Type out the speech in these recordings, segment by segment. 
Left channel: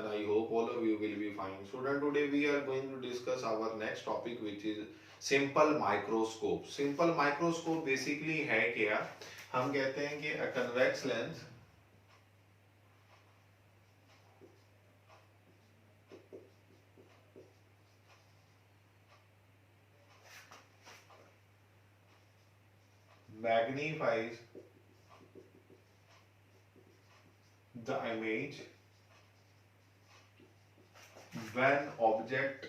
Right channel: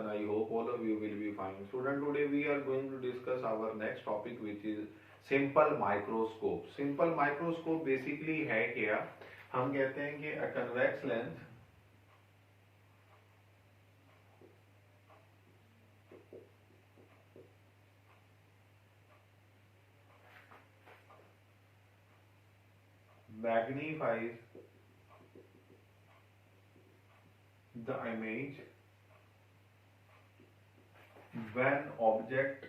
and I hope all of you will be fine. Student, today we are going to discuss our next topic, which is simple microscope. Simple microscope basically है क्या? हम कहते हैं कि a convex lens magnifies the image when object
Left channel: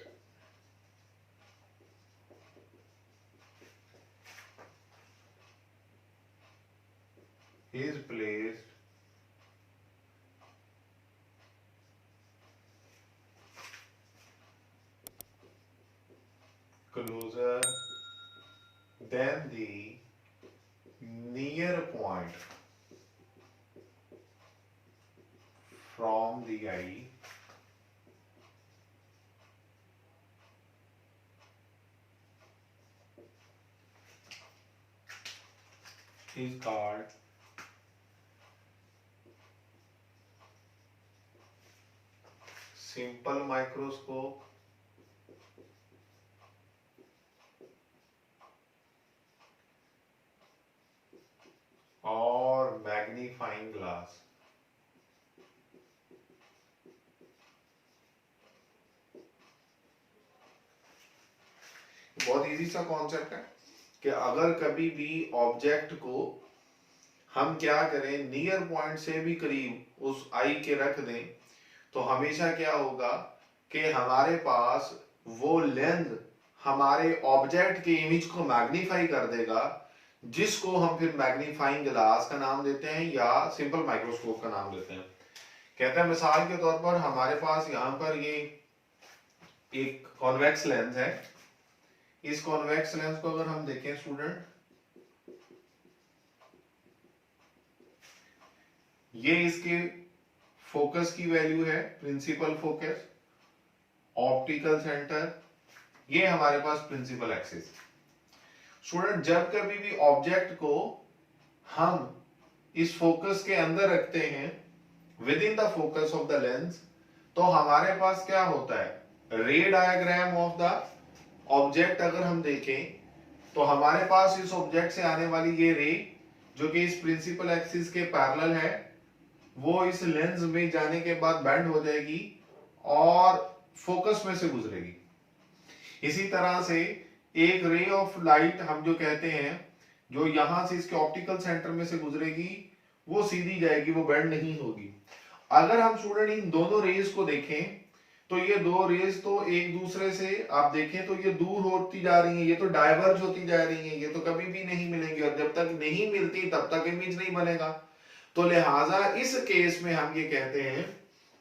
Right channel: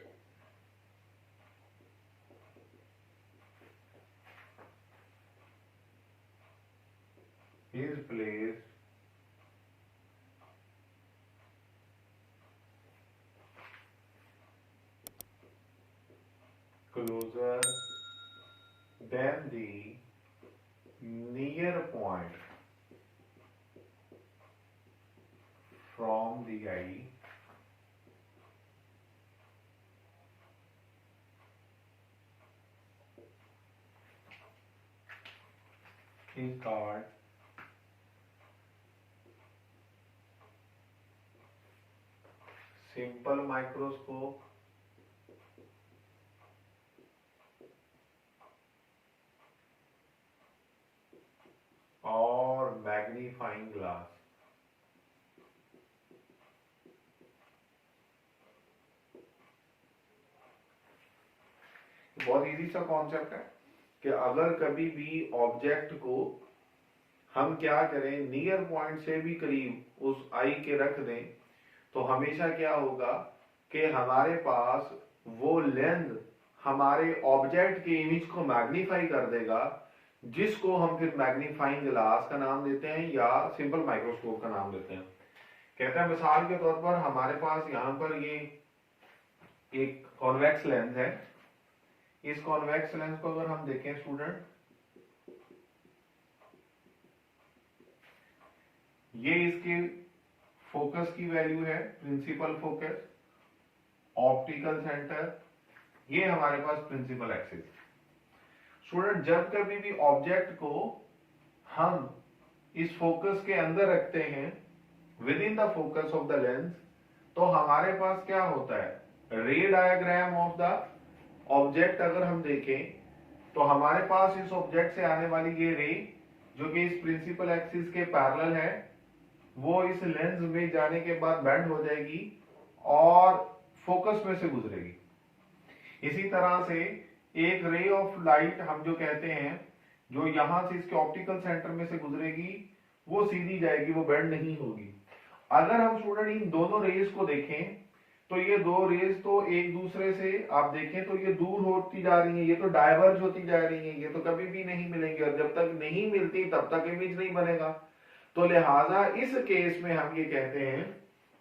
is placed closer than the near point from the eye is called simple microscope और magnifying glass. बहुत easy सा concept है कि अगर कभी भी ऑब्जेक्ट को हम क्या करें, नियर पॉइंट से भी करीब उस आई के रख दें, तो हमेशा क्या होगा कि हमारे पास वो लेंस हमारे ऑब्जेक्ट के इमेज को मैग्नीफाई कर देगा, जिसको हम फिर मैग्नीफाइंग ग्लास का नाम देते हैं या सिंपल माइक्रोस्कोप का नाम देते हैं। कहते हैं मिसाल के तौर पर हमारे पास यहाँ पर ये एक कॉन्वेक्स लेंस है। इस कॉन्वेक्स लेंस को अगर हम देखें स्टूडेंट, ये इसके फोकस की वैल्यू है, प्रिंसिपल फोकस, ऑप्टिकल सेंटर, ये हमारे पास प्रिंसिपल एक्सिस। स्टूडेंट, जब कभी भी ऑब्जेक्ट को हम इस फोकस के अंदर रखते हैं, with in the focus of the lens, तो हमारे पास क्या होता है, रे डायग्राम ऑफ द ऑब्जेक्ट अगर हम देखें तो हमारे पास इस ऑब्जेक्ट से आने वाली ये रे जो कि इस प्रिंसिपल एक्सिस के पैरेलल है, वो इस लेंस में जाने के बाद बेंड हो जाएगी और फोकस में से गुजरेगी। इसी तरह से एक रे ऑफ लाइट हम जो कहते हैं, जो यहां से इसके ऑप्टिकल सेंटर में से गुजरेगी, वो सीधी जाएगी, वो बेंड नहीं होगी। अगर हम स्टूडेंट इन दोनों रेज को देखें तो ये दो रेज तो एक दूसरे से आप देखें तो ये दूर होती जा रही है, ये तो डाइवर्ज होती जा रही है, ये तो कभी भी नहीं मिलेंगी, और जब तक नहीं मिलती तब तक इमेज नहीं बनेगा। तो लिहाजा इस केस में हम ये कहते हैं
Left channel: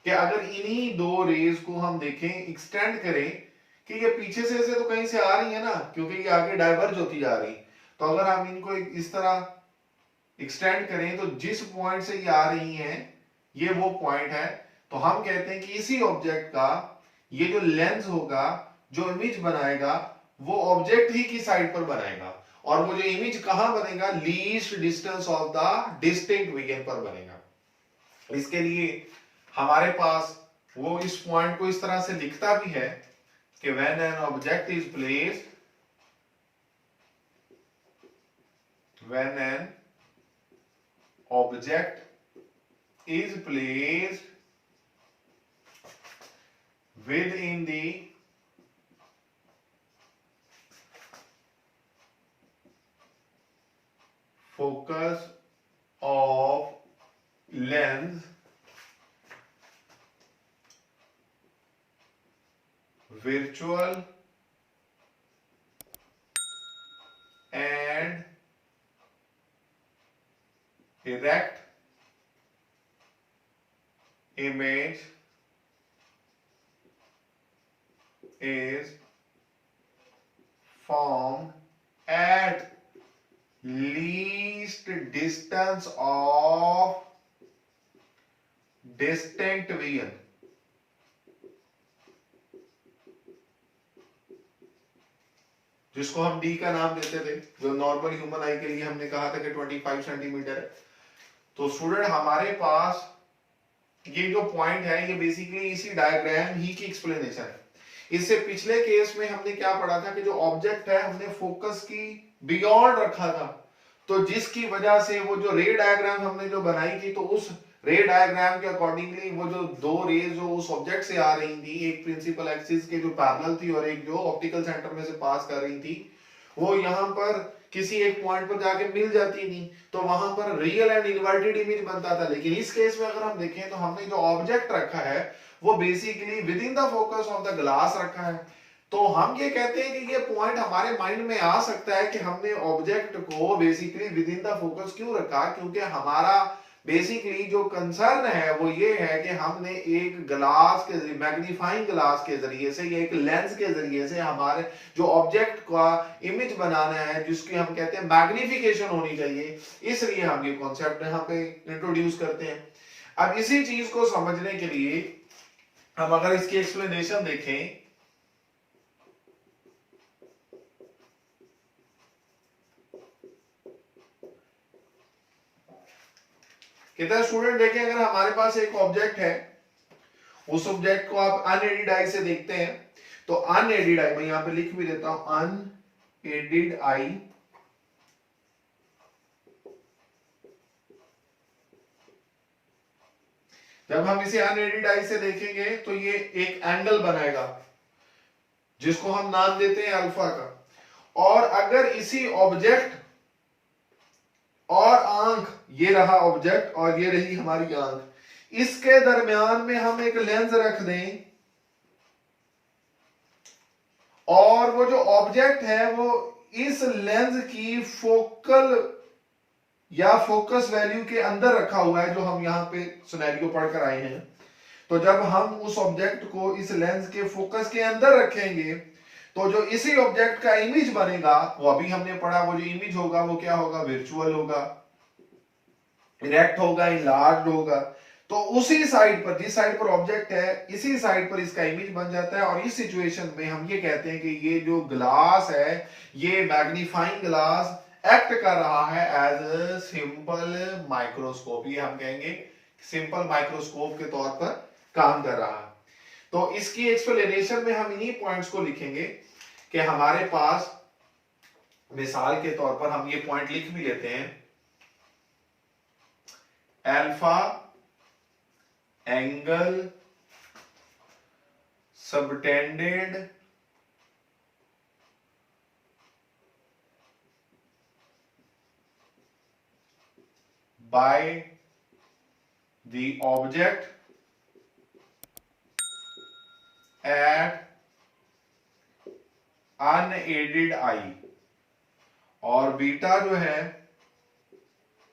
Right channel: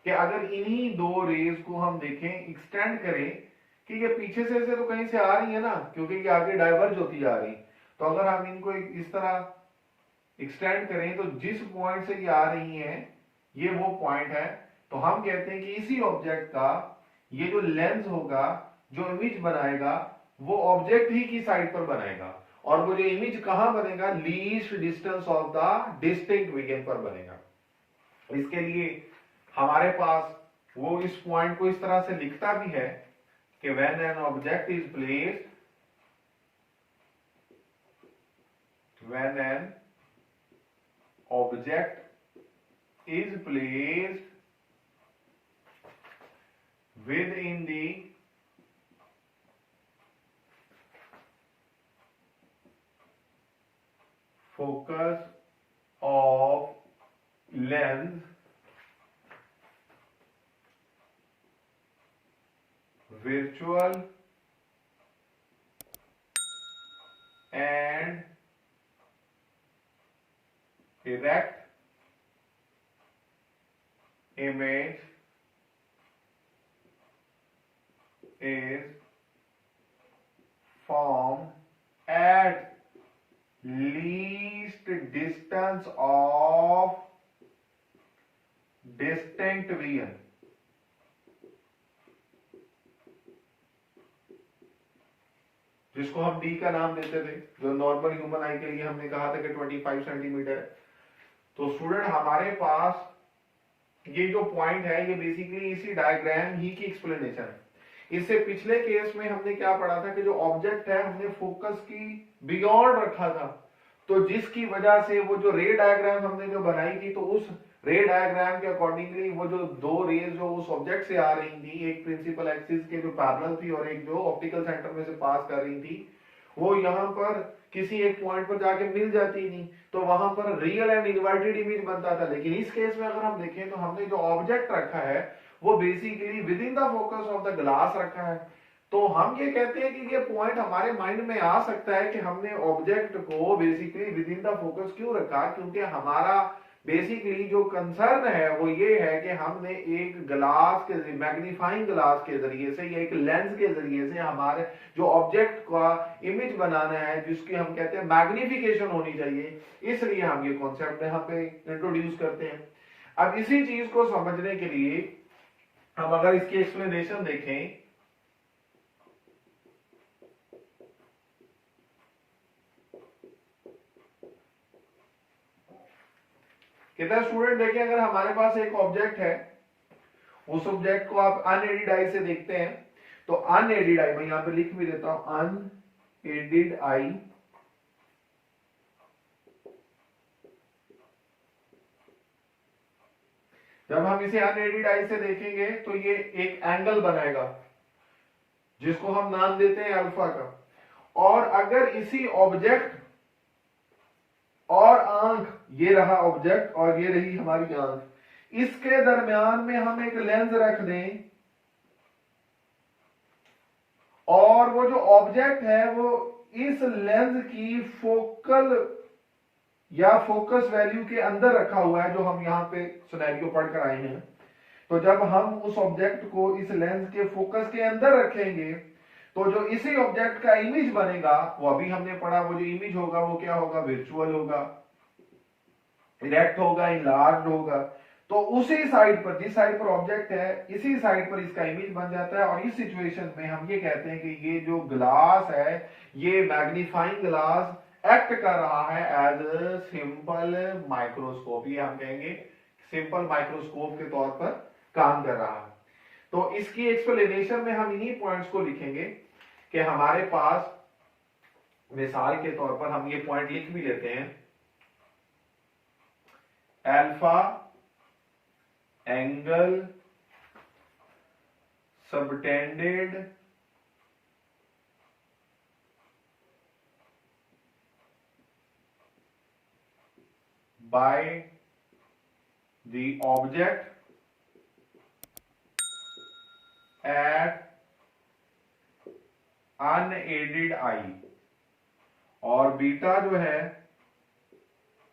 कि अगर इन्हीं दो रेज को हम देखें, एक्सटेंड करें कि ये पीछे से तो कहीं से आ रही है ना, क्योंकि ये आगे डाइवर्ज होती जा रही, तो अगर हम इनको इस तरह एक्सटेंड करें तो जिस पॉइंट से ये आ रही हैं, ये वो पॉइंट है, तो हम कहते हैं कि इसी ऑब्जेक्ट का ये जो लेंस होगा, जो इमेज बनाएगा, वो ऑब्जेक्ट ही की साइड पर बनाएगा, और वो जो इमेज कहां बनेगा, least distance of the distinct region पर बनेगा। इसके लिए हमारे पास वो इस पॉइंट को इस तरह से लिखता भी है कि when an object is placed, when an object is placed within the focus of lens, virtual and erect image is formed at least distance of distinct vision। जिसको हम डी का नाम देते थे, जो नॉर्मल ह्यूमन आई के लिए हमने कहा था कि 25 सेंटीमीटर है। तो स्टूडेंट, हमारे पास ये जो पॉइंट है ये बेसिकली इसी डायग्राम ही की एक्सप्लेनेशन है। इससे पिछले केस में हमने क्या पढ़ा था कि जो ऑब्जेक्ट है हमने फोकस की बियॉन्ड रखा था, तो जिसकी वजह से वो जो रे डायग्राम हमने जो बनाई थी, तो उस रे डायग्राम के अकॉर्डिंगली वो जो दो रेज जो उस ऑब्जेक्ट से आ रही थी, एक प्रिंसिपल एक्सिस के जो पैरेलल थी और एक जो ऑप्टिकल सेंटर में से पास कर रही थी, वो यहाँ पर किसी एक पॉइंट पर जाके मिल जाती थी, तो वहां पर रियल एंड इन्वर्टेड इमेज बनता था। लेकिन इस केस में अगर हम देखें तो हमने जो ऑब्जेक्ट रखा है वो basically with in the focus of the glass रखा है। तो हम ये कहते हैं कि ये पॉइंट हमारे माइंड में आ सकता है कि हमने ऑब्जेक्ट को basically with in the focus क्यों रखा, क्योंकि हमारा बेसिकली जो कंसर्न है वो ये है कि हमने एक ग्लास के मैग्नीफाइंग ग्लास के जरिए से या एक लेंस के जरिए से हमारे जो ऑब्जेक्ट का इमेज बनाना है, जिसकी हम कहते हैं मैग्निफिकेशन होनी चाहिए, इसलिए हम ये कॉन्सेप्ट यहाँ पे इंट्रोड्यूस करते हैं। अब इसी चीज को समझने के लिए हम अगर इसकी एक्सप्लेनेशन देखें, कितना स्टूडेंट देखें, अगर हमारे पास एक ऑब्जेक्ट है, उस ऑब्जेक्ट को आप अनएडिड आई से देखते हैं, तो अनएडिड आई मैं यहां पे लिख भी देता हूं, अनएडिड आई जब हम इसे अनएडिड आई से देखेंगे तो ये एक एंगल बनाएगा जिसको हम नाम देते हैं अल्फा का। और अगर इसी ऑब्जेक्ट और आंख, ये रहा ऑब्जेक्ट और ये रही हमारी आंख, इसके दरमियान में हम एक लेंस रख दें और वो जो ऑब्जेक्ट है वो इस लेंस की फोकल या फोकस वैल्यू के अंदर रखा हुआ है, जो हम यहां पे सिनेरियो पढ़कर आए हैं। तो जब हम उस ऑब्जेक्ट को इस लेंस के फोकस के अंदर रखेंगे तो जो इसी ऑब्जेक्ट का इमेज बनेगा, वो अभी हमने पढ़ा, वो जो इमेज होगा वो क्या होगा, वर्चुअल होगा, इरेक्ट होगा, इनलार्ज्ड होगा। तो उसी साइड पर, जिस साइड पर ऑब्जेक्ट है, इसी साइड पर इसका इमेज बन जाता है। और इस सिचुएशन में हम ये कहते हैं कि ये जो ग्लास है, ये मैग्नीफाइंग ग्लास एक्ट कर रहा है एज अ सिंपल माइक्रोस्कोप। ये हम कहेंगे सिंपल माइक्रोस्कोप के तौर पर काम कर रहा है। तो इसकी एक्सप्लेनेशन में हम इन्हीं पॉइंट्स को लिखेंगे कि हमारे पास, मिसाल के तौर पर हम ये पॉइंट लिख भी लेते हैं, alpha angle subtended by the object at unaided eye। और बीटा जो है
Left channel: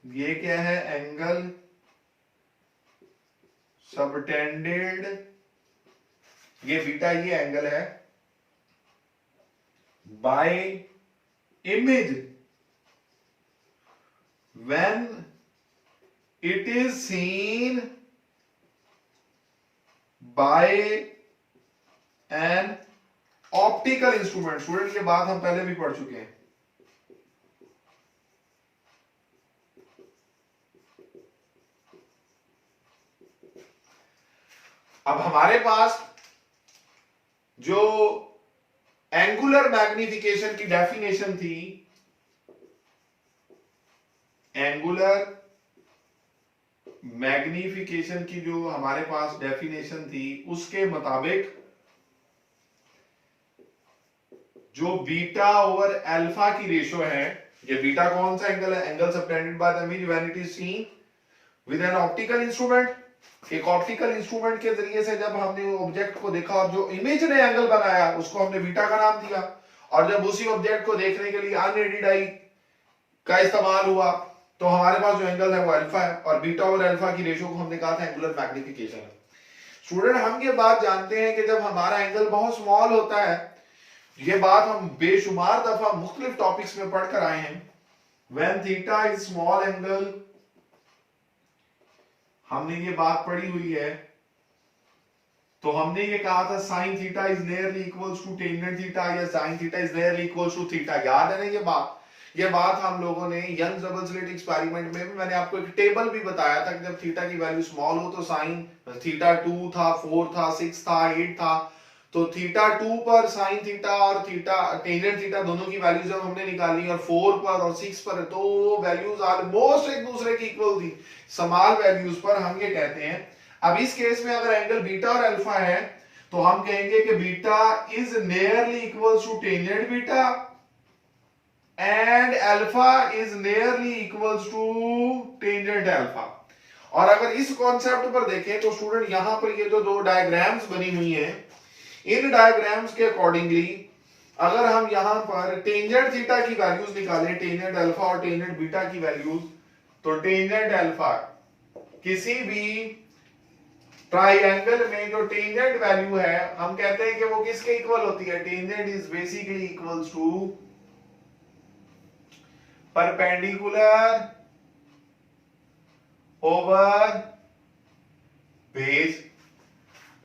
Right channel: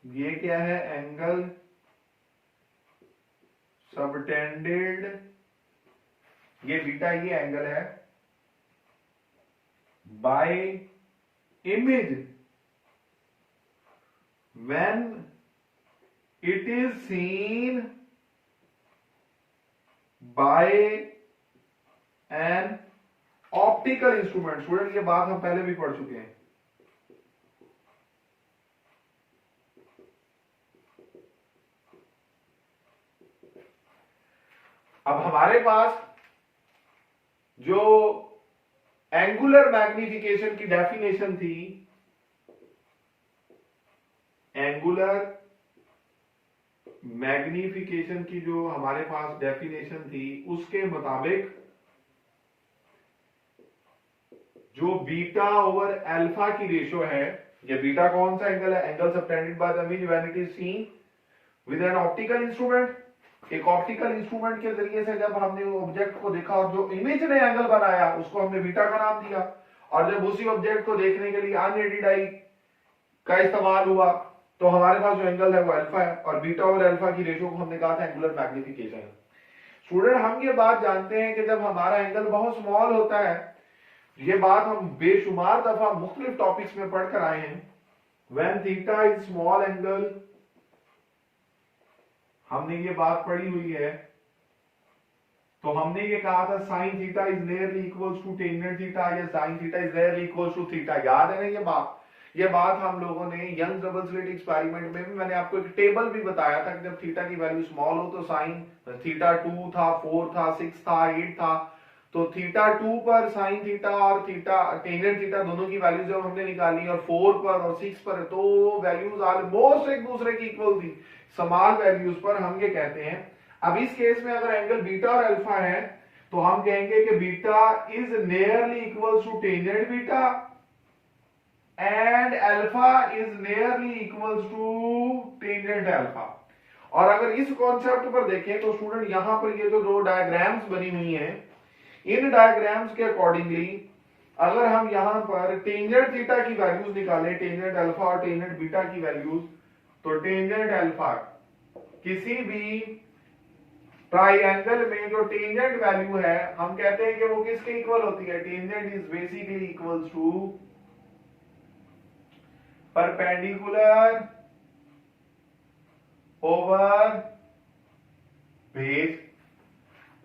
ये क्या है, एंगल सबटेंडेड, ये बीटा ये एंगल है, by image when it is seen by an optical instrument. Student ये बात हम पहले भी पढ़ चुके हैं। अब हमारे पास जो एंगुलर मैग्निफिकेशन की डेफिनेशन थी, एंगुलर मैग्निफिकेशन की जो हमारे पास डेफिनेशन थी, उसके मुताबिक जो बीटा ओवर अल्फा की रेशो है, ये बीटा कौन सा एंगल है, angle subtended by the image when it is seen with an optical instrument. एक ऑप्टिकल इंस्ट्रूमेंट के जरिए से जब हमने ऑब्जेक्ट को देखा और जो इमेज ने एंगल बनाया उसको हमने बीटा का नाम दिया, और जब उसी ऑब्जेक्ट को देखने के लिए अनएडिड आई का इस्तेमाल हुआ तो हमारे पास जो एंगल है वो अल्फा है, और बीटा और अल्फा की रेशो को हमने कहा था एंगुलर मैग्निफिकेशन है। स्टूडेंट हम ये बात जानते हैं कि जब हमारा एंगल बहुत स्मॉल होता है, ये बात हम बेशुमार दफा मुख्तलिफ टॉपिक्स में पढ़कर आए हैं, when theta is small angle, हमने ये बात पढ़ी हुई है। तो हमने ये कहा था sine theta is nearly equals to tangent theta, या sine theta is nearly equals to theta, याद है ना ये बात। ये बात हम लोगों ने यंग डबल स्लिट एक्सपेरिमेंट में भी मैंने आपको एक टेबल भी बताया था कि जब थीटा की वैल्यू स्मॉल हो तो साइन थीटा 2 था, 4 था, 6 था, 8 था, तो थीटा 2 पर साइन थीटा और थीटा टेंजेंट थीटा दोनों की वैल्यू जब हमने निकाली और 4 पर और 6 पर तो वैल्यूज ऑलमोस्ट एक दूसरे की इक्वल थी, स्मॉल वैल्यूज पर हम ये कहते हैं। अब इस केस में अगर एंगल बीटा और अल्फा है तो हम कहेंगे कि beta is nearly equal to tangent beta and alpha is nearly equals to tangent alpha. और अगर इस कॉन्सेप्ट पर देखें तो स्टूडेंट यहां पर ये जो दो डायग्राम्स बनी हुई हैं, इन डायग्राम्स के अकॉर्डिंगली अगर हम यहां पर टेंजेंट थीटा की वैल्यूज निकालें, टेंजेंट अल्फा और टेंजेंट बीटा की वैल्यूज, तो टेंजेंट अल्फा किसी भी ट्राइएंगल में जो टेंजेंट वैल्यू है हम कहते हैं कि वो किसके इक्वल होती है, tangent is basically equals to perpendicular over base.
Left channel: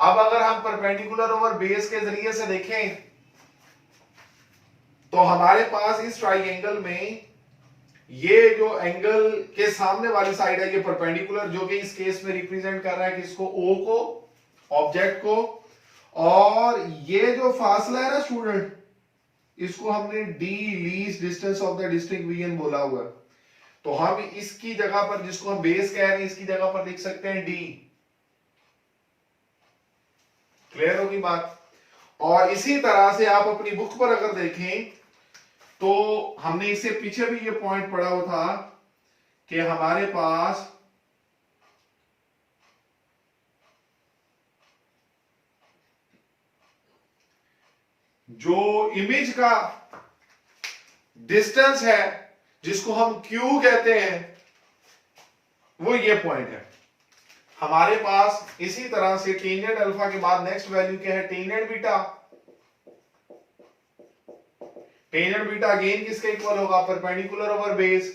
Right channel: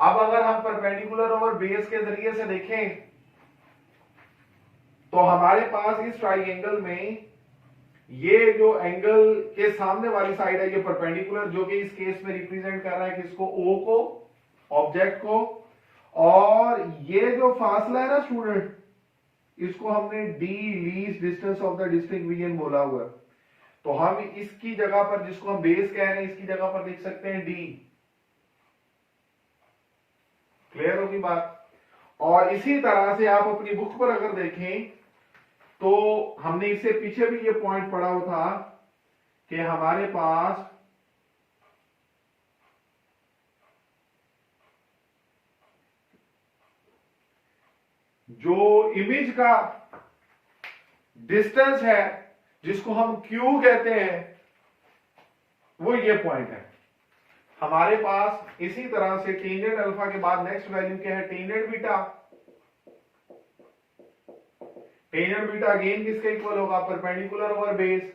अब अगर हम परपेंडिकुलर ओवर बेस के जरिए से देखें तो हमारे पास इस ट्राइएंगल में ये जो एंगल के सामने वाली साइड है ये परपेंडिकुलर, जो कि इस केस में रिप्रेजेंट कर रहा है किसको, ओ को, ऑब्जेक्ट को, और ये जो फासला है ना स्टूडेंट इसको हमने the least distance of the district region बोला हुआ है, तो हम इसकी जगह पर जिसको हम बेस कह रहे हैं इसकी जगह पर लिख सकते हैं डी। क्लियर होगी बात। और इसी तरह से आप अपनी बुक पर अगर देखें तो हमने इससे पीछे भी ये पॉइंट पढ़ा हुआ था कि हमारे पास जो इमेज का डिस्टेंस है जिसको हम क्यू कहते हैं वो ये पॉइंट है हमारे पास। इसी तरह से टेंजेंट अल्फा के बाद नेक्स्ट वैल्यू क्या है, tangent beta. Tangent beta again किसके इक्वल होगा, परपेंडिकुलर ओवर बेस।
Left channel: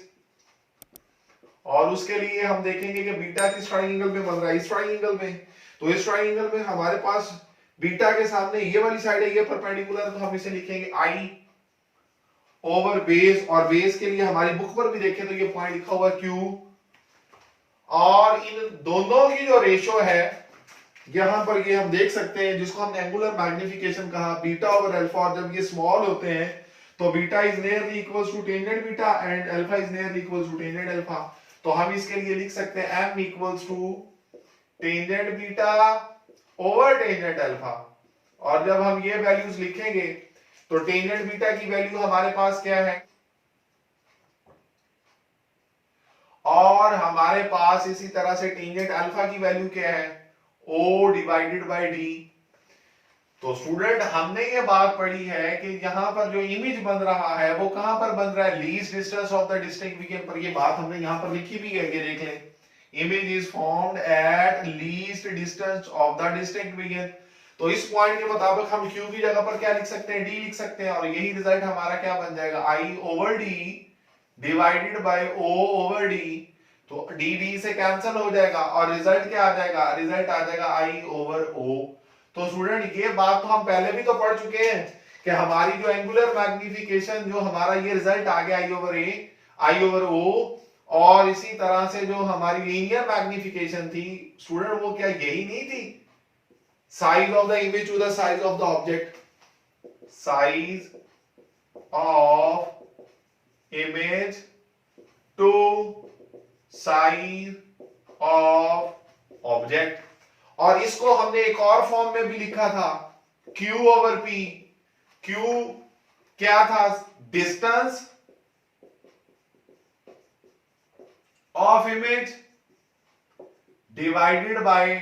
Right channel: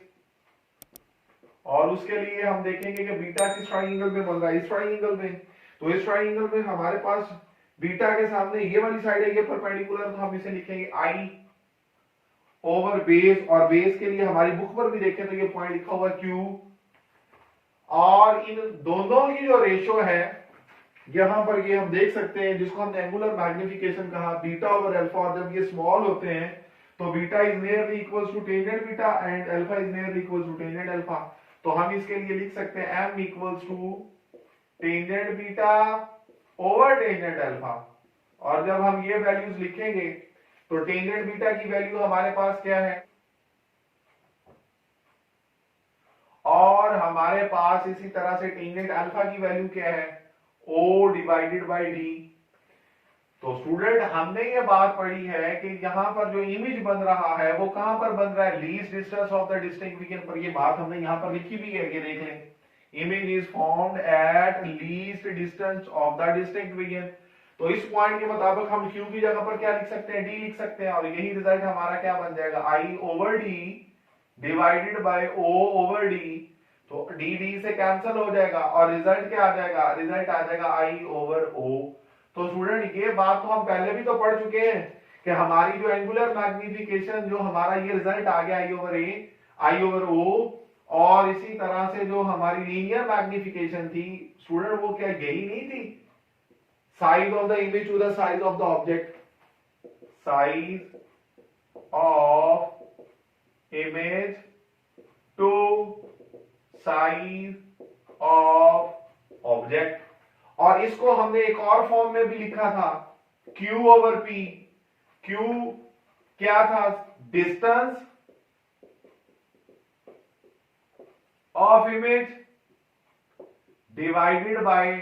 और उसके लिए हम देखेंगे कि बीटा किस ट्राइंगल में बन रहा है, इस ट्राइंगल में। तो इस ट्राइंगल में हमारे पास बीटा के सामने ये वाली साइड है, ये परपेंडिकुलर, तो हम इसे लिखेंगे आई ओवर बेस। और बेस के लिए हमारी बुक पर भी देखें तो ये पॉइंट लिखा हुआ क्यू। और इन दोनों की जो रेशो है यहां पर ये हम देख सकते हैं जिसको हमने एंगुलर मैग्निफिकेशन कहा, बीटा ओवर अल्फा। और जब ये स्मॉल होते हैं तो beta is nearly equals to tangent beta and alpha is nearly equals to tangent alpha. तो हम इसके लिए लिख सकते हैं m equals to tangent beta over tangent alpha. और जब हम ये वैल्यूज लिखेंगे तो टेंजेंट बीटा की वैल्यू हमारे पास क्या है, और हमारे पास इसी तरह से टेंजेंट अल्फा की वैल्यू क्या है, o डिवाइडेड बाय d। तो स्टूडेंट हमने ये बात पढ़ी है कि यहां पर जो इमेज बन रहा है वो कहां पर बन रहा है, least distance of the distinct region पर। ये बात हमने यहां पर लिखी भी है, ये देख लें, image is formed at least distance of the distinct region. तो इस पॉइंट के मुताबिक हम q की जगह पर क्या लिख सकते हैं, d लिख सकते हैं। और यही रिजल्ट हमारा क्या बन जाएगा, i over d divided bye o over d। तो d d से कैंसिल हो जाएगा और रिजल्ट क्या आ जाएगा, रिजल्ट आ जाएगा i ओवर o। तो स्टूडेंट ये बात तो हम पहले भी तो पढ़ चुके हैं कि हमारी जो एंगुलर मैग्निफिकेशन जो हमारा ये रिजल्ट आ गया आई ओवर ओ, और इसी तरह से जो हमारी लीनियर मैग्निफिकेशन थी स्टूडेंट वो क्या यही नहीं थी, size of the image to the size of the object, size of image to size of object. और इसको हमने एक और फॉर्म में भी लिखा था, Q ओवर P। Q क्या था, distance of image divided by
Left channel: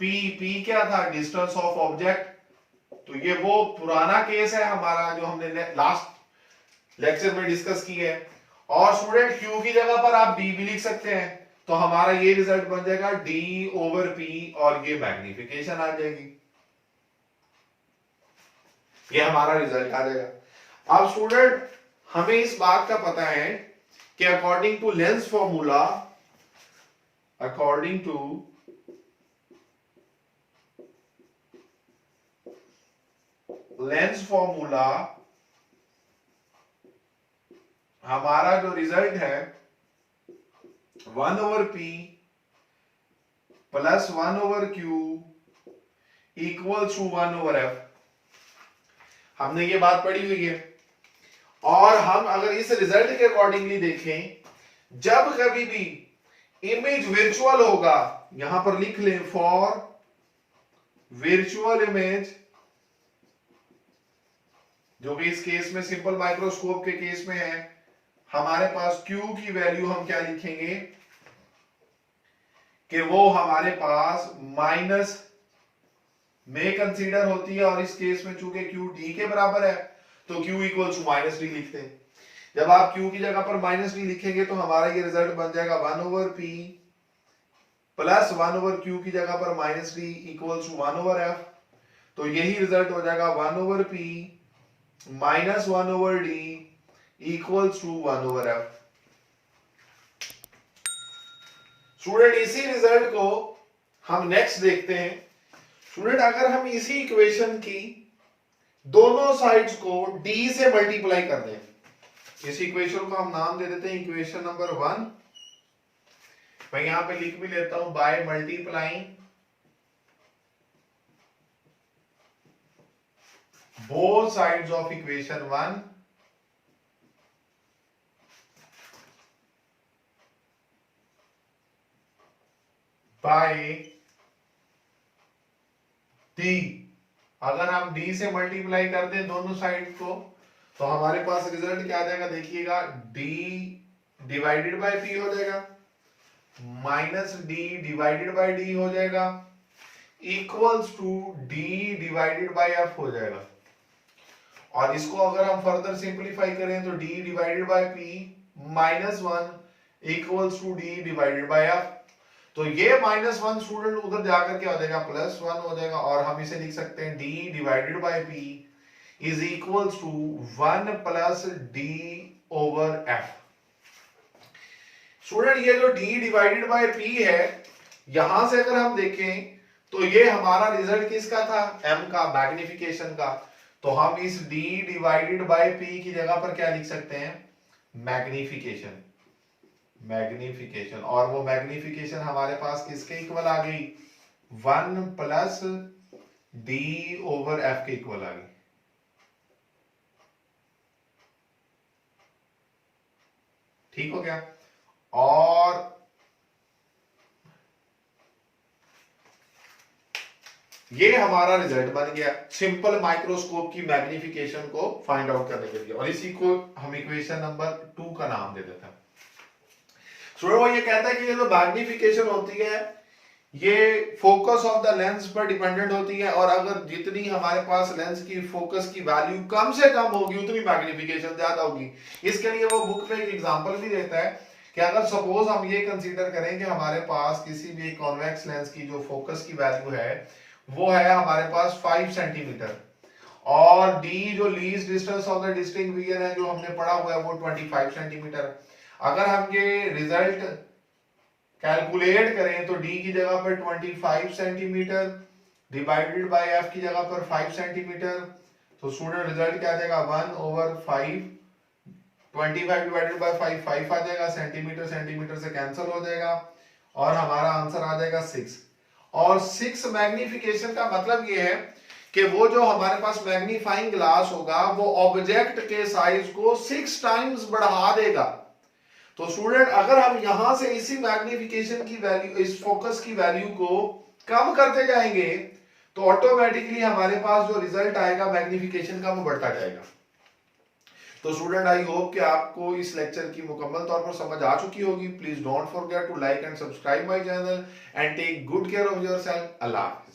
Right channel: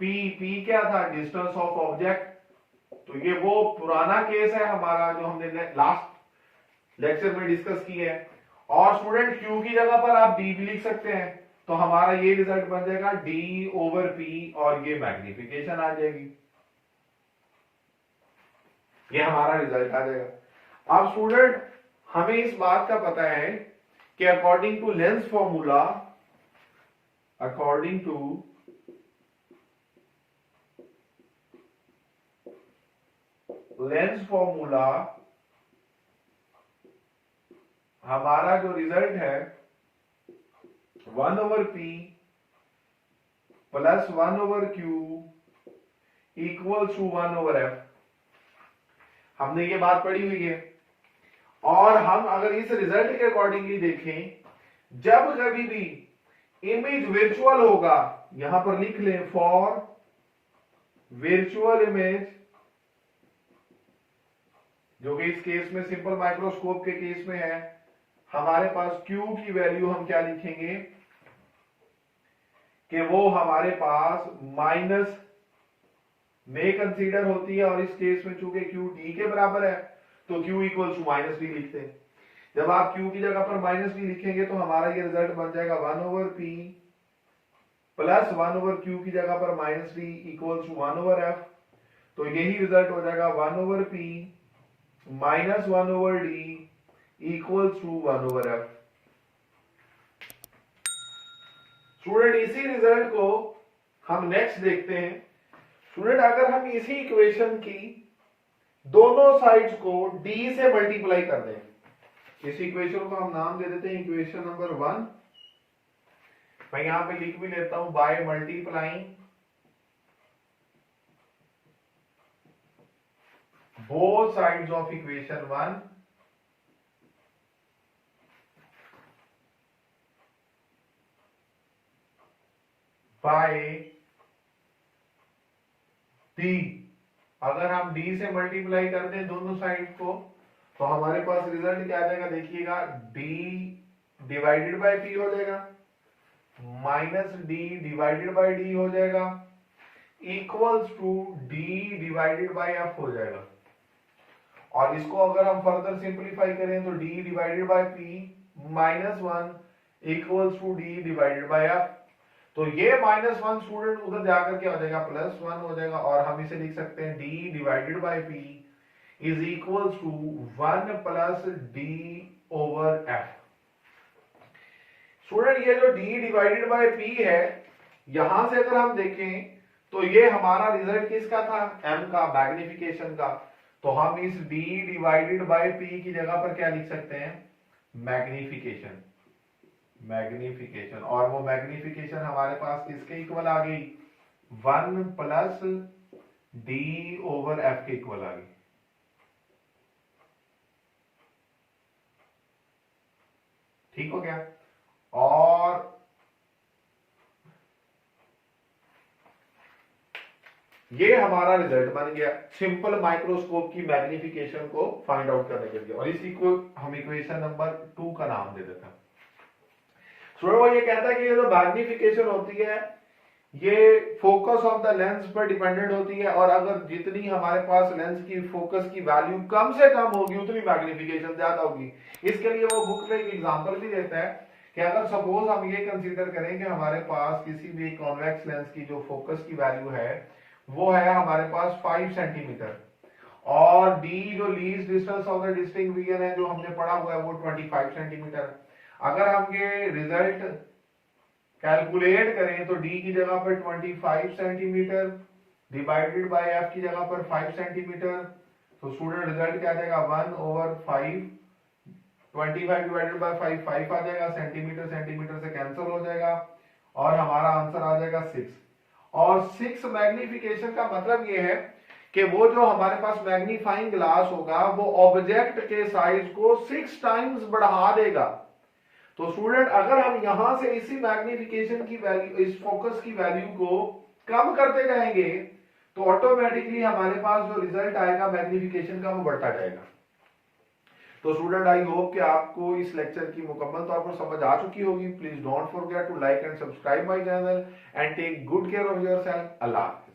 P। P क्या था, डिस्टेंस ऑफ ऑब्जेक्ट। तो ये वो पुराना केस है हमारा जो हमने लास्ट लेक्चर में डिस्कस की है। और स्टूडेंट Q की जगह पर आप D भी लिख सकते हैं, तो हमारा ये रिजल्ट बन जाएगा D ओवर P और ये मैग्निफिकेशन आ जाएगी, ये हमारा रिजल्ट आ जाएगा। अब स्टूडेंट हमें इस बात का पता है कि according to lens formula, according to lens formula हमारा जो रिजल्ट है 1/p plus 1/q equals to 1/f। हमने ये बात पढ़ी हुई है। और हम अगर इस रिजल्ट के अकॉर्डिंगली देखें, जब कभी भी इमेज वर्चुअल होगा, यहां पर लिख लें फॉर वर्चुअल इमेज, जो कि इस केस में सिंपल माइक्रोस्कोप के केस में है, हमारे पास Q की वैल्यू हम क्या लिखेंगे कि वो हमारे पास माइनस में कंसीडर होती है, और इस केस में चूंकि Q D के बराबर है तो Q equal to minus D लिखते हैं। जब आप Q की जगह पर माइनस डी लिखेंगे तो हमारा ये रिजल्ट बन जाएगा 1/p प्लस 1/q की जगह पर minus D equals to 1/f। तो यही रिजल्ट हो जाएगा 1/p minus 1/d equals to 1/f। Student इसी रिजल्ट को हम नेक्स्ट देखते हैं। स्टूडेंट अगर हम इसी इक्वेशन की दोनों साइड्स को d से मल्टीप्लाई कर दें, इस इक्वेशन को हम नाम दे देते हैं इक्वेशन नंबर 1। मैं यहां पे लिख भी लेता हूं by multiplying both sides of equation 1 by d। अगर हम d से मल्टीप्लाई कर दें दोनों साइड को तो हमारे पास रिजल्ट क्या आ जाएगा, देखिएगा d डिवाइडेड बाय p हो जाएगा, minus d divided by d हो जाएगा, equals to d divided by f हो जाएगा। और इसको अगर हम फर्दर सिंपलीफाई करें तो d divided by p minus 1 equals to d divided by f। तो ये -1 स्टूडेंट उधर जाकर क्या हो जाएगा, +1 हो जाएगा, और हम इसे लिख सकते हैं d divided by p is equals to 1 plus d over f। Student ये जो d डिवाइडेड बाय p है, यहां से अगर हम देखें तो ये हमारा रिजल्ट किसका था, m का, मैग्निफिकेशन का। तो हम इस d डिवाइडेड बाय p की जगह पर क्या लिख सकते हैं, मैग्निफिकेशन। मैग्निफिकेशन, और वो मैग्निफिकेशन हमारे पास किसके इक्वल आ गई, 1 प्लस d ओवर f के इक्वल आ गई। ठीक हो गया। और ये हमारा रिजल्ट बन गया सिंपल माइक्रोस्कोप की मैग्निफिकेशन को फाइंड आउट करने के लिए, और इसी को हम इक्वेशन नंबर 2 का नाम दे देते हैं। स्टूडेंट वो ये कहता है कि ये जो मैग्निफिकेशन होती है ये फोकस ऑफ द लेंस पर डिपेंडेंट होती है, और अगर जितनी हमारे पास लेंस की फोकस की वैल्यू कम से कम होगी उतनी मैग्निफिकेशन ज्यादा होगी। इसके लिए वो बुक में एक एग्जांपल भी देता है कि अगर सपोज हम ये कंसीडर करें कि हमारे पास किसी भी कॉन्वेक्स लेंस की जो फोकस की वैल्यू है वो है हमारे पास 5 सेंटीमीटर, और d जो least distance of the distinct vision है जो हमने पढ़ा हुआ है वो 25 सेंटीमीटर। अगर हम ये रिजल्ट कैलकुलेट करें तो d की जगह पर 25 सेंटीमीटर डिवाइडेड बाय f की जगह पर 5 सेंटीमीटर, तो स्टूडेंट रिजल्ट क्या आ जाएगा, 1/5, 25 डिवाइडेड बाय 5 आ जाएगा, सेंटीमीटर सेंटीमीटर से कैंसिल हो जाएगा, और हमारा आंसर आ जाएगा 6। और 6 मैग्निफिकेशन का मतलब ये है कि वो जो हमारे पास मैग्नीफाइंग ग्लास होगा वो ऑब्जेक्ट के साइज को 6 टाइम्स बढ़ा देगा। तो स्टूडेंट अगर हम यहां से इसी मैग्निफिकेशन की वैल्यू, इस फोकस की वैल्यू को कम करते जाएंगे तो ऑटोमेटिकली हमारे पास जो रिजल्ट आएगा मैग्निफिकेशन का वो बढ़ता जाएगा। तो स्टूडेंट आई होप कि आपको इस लेक्चर की मुकम्मल तौर पर समझ आ चुकी होगी। Please don't forget to like and subscribe my channel and take good care of yourself. अल्लाह हाफिज़।